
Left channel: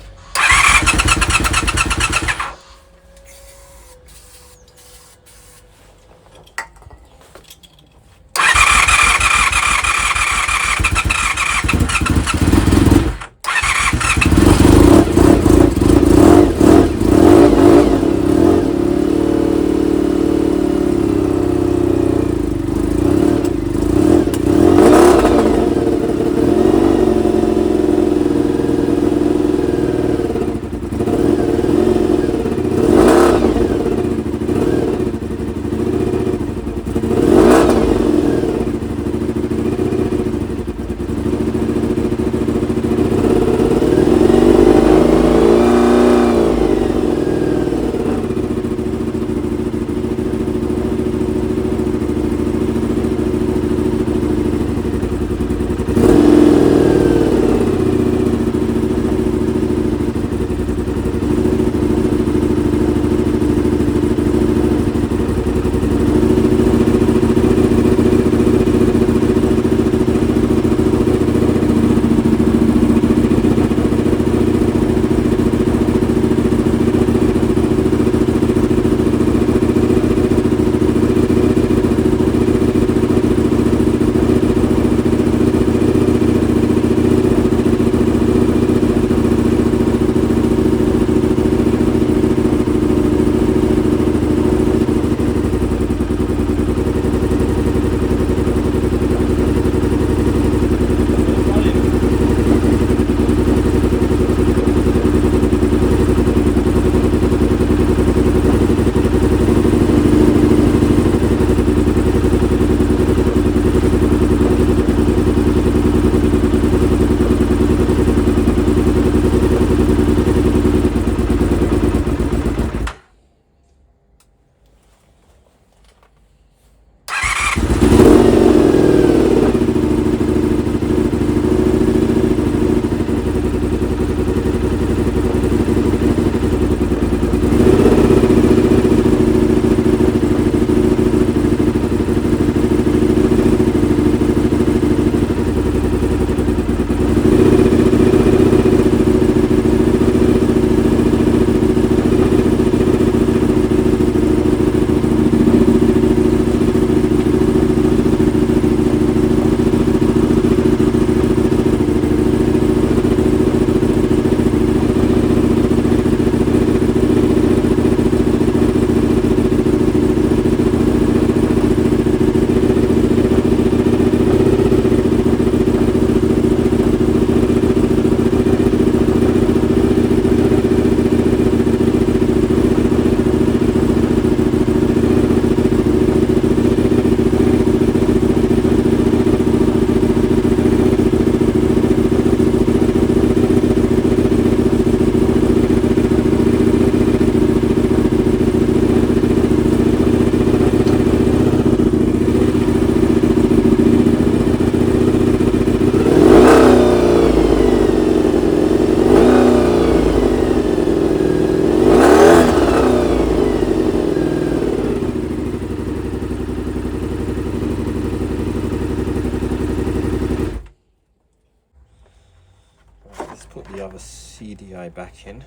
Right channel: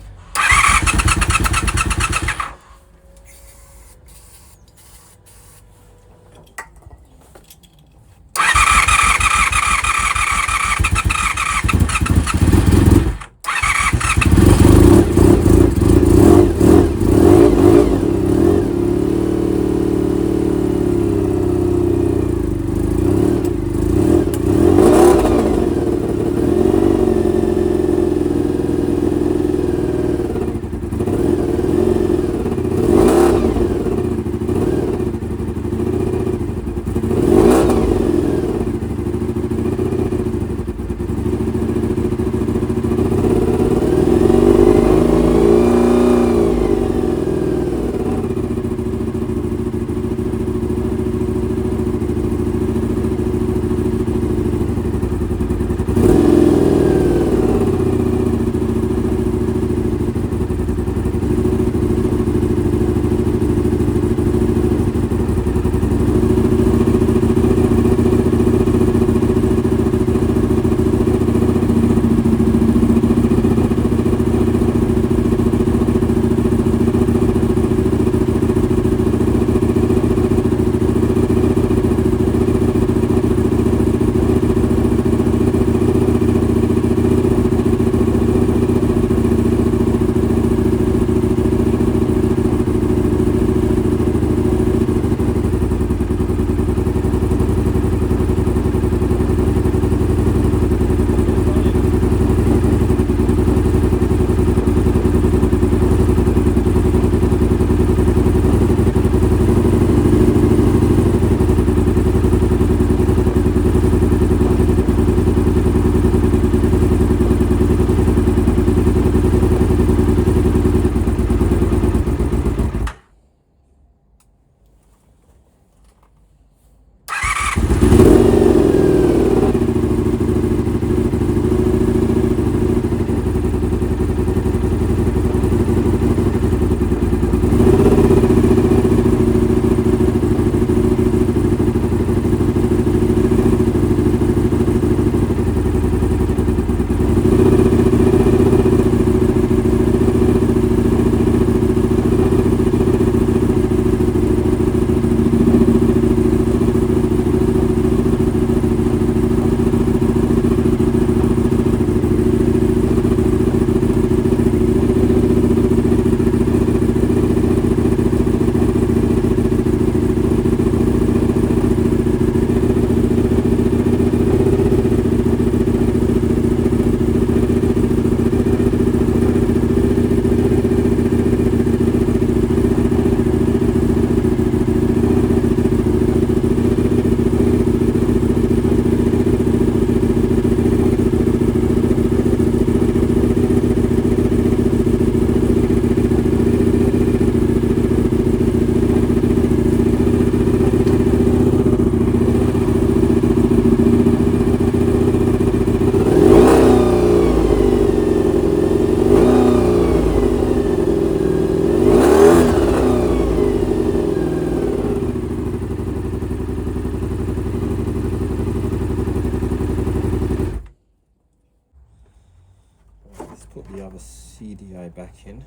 put the other CDI back in.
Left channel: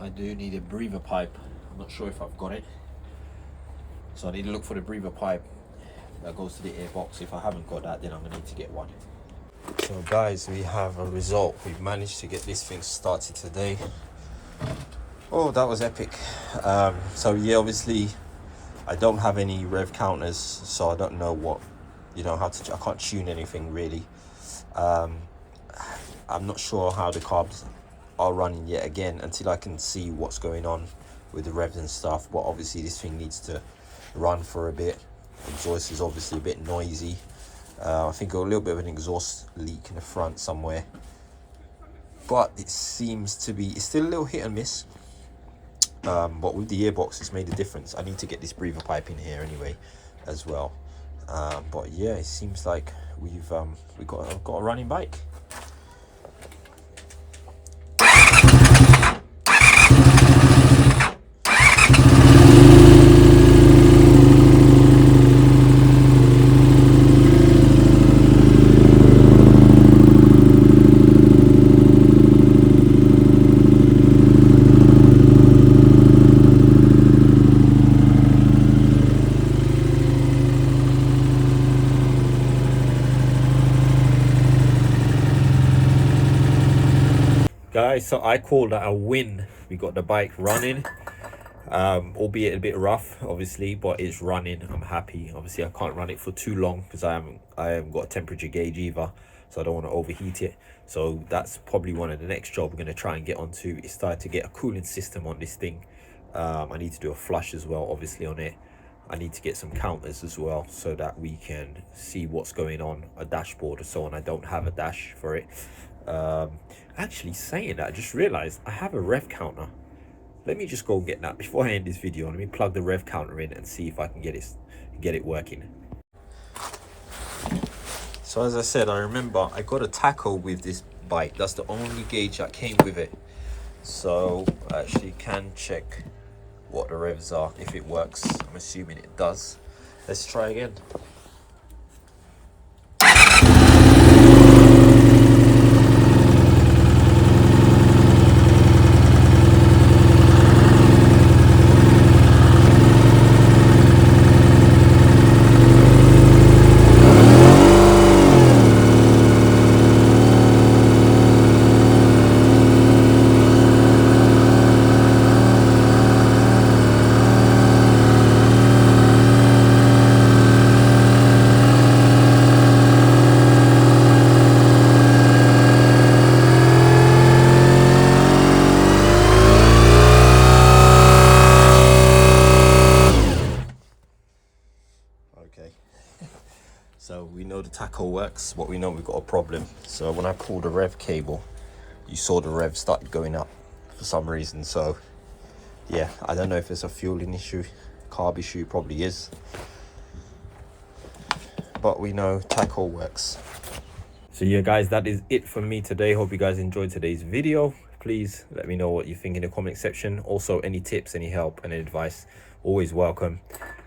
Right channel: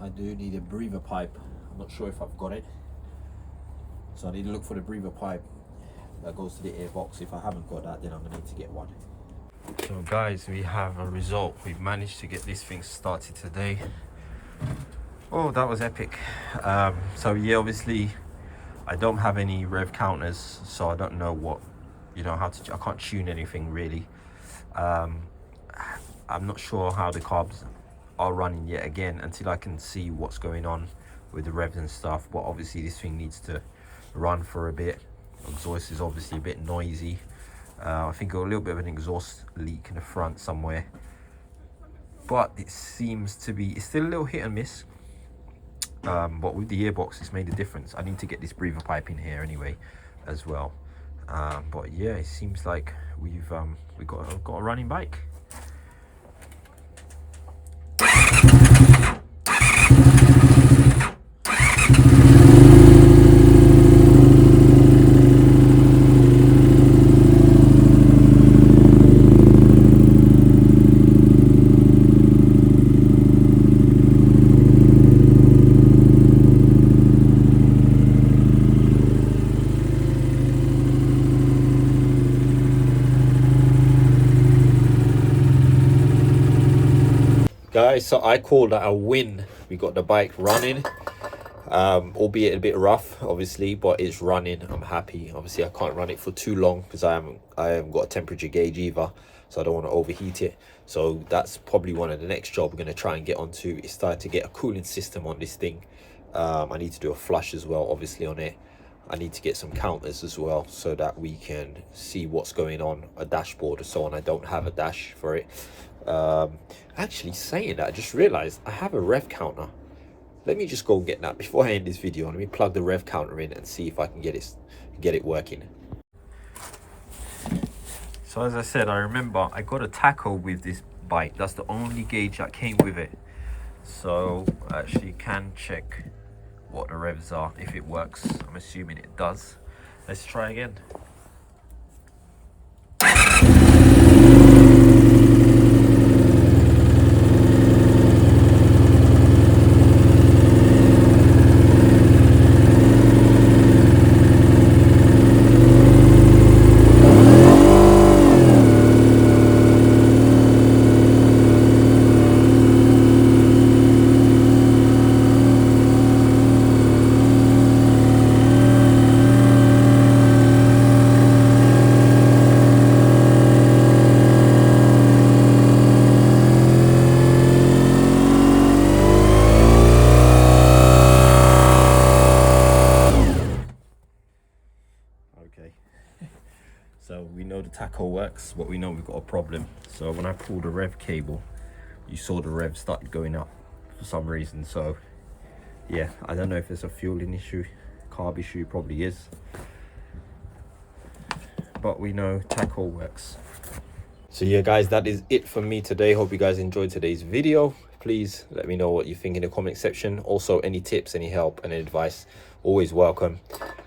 I do need a breather pipe. I'm not sure if I've got it, so I need to look for the breather pipe that goes to the airbox. If I haven't got that, then I'm gonna need to get one. So guys, we have a result. We've managed to get this thing started today. Oh, that was epic. So yeah, obviously I don't have any rev counters, so I don't know what, how to, I can't tune anything really. I'm not sure how the carbs are running yet again until I can see what's going on with the revs and stuff. But obviously this thing needs to run for a bit. Exhaust is obviously a bit noisy. I think a little bit of an exhaust leak in the front somewhere, but it seems to be, it's still a little hit and miss. But with the gearbox, it's made a difference. I need to get this breather pipe in here anyway as well. But yeah, it seems like we've got a running bike. Guys, so I call that a win. We got the bike running, albeit a bit rough obviously, but it's running. I'm happy. Obviously I can't run it for too long because I haven't got a temperature gauge either, so I don't want to overheat it. So that's probably one of the next job we're going to try and get onto, is start to get a cooling system on this thing. I need to do a flush as well obviously on it. I need to get some counters as well so that we can see what's going on, a dashboard or so on. I don't have a dash for it. Actually, saying that, I just realized I have a rev counter. Let me just go and get that before I end this video. Let me plug the rev counter in and see if I can get it working. So as I said, I remember I got a tacho with this bike. That's the only gauge that came with it, so I actually can check what the revs are, if it works. I'm assuming it does. Let's try again. So we know the tacho works, but we know we've got a problem. So when I pulled the rev cable, you saw the rev started going up for some reason. So yeah, I don't know if it's a fueling issue, carb issue, probably is. But we know tacho works. So yeah guys, that is it for me today. Hope you guys enjoyed today's video. Please let me know what you think in the comment section. Also, any tips, any help, any advice, always welcome.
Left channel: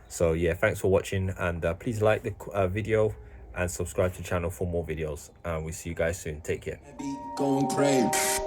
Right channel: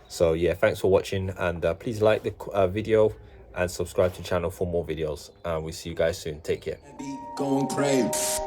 So yeah, thanks for watching, and please like the video and subscribe to the channel for more videos, and we'll see you guys soon. Take care. Going crazy.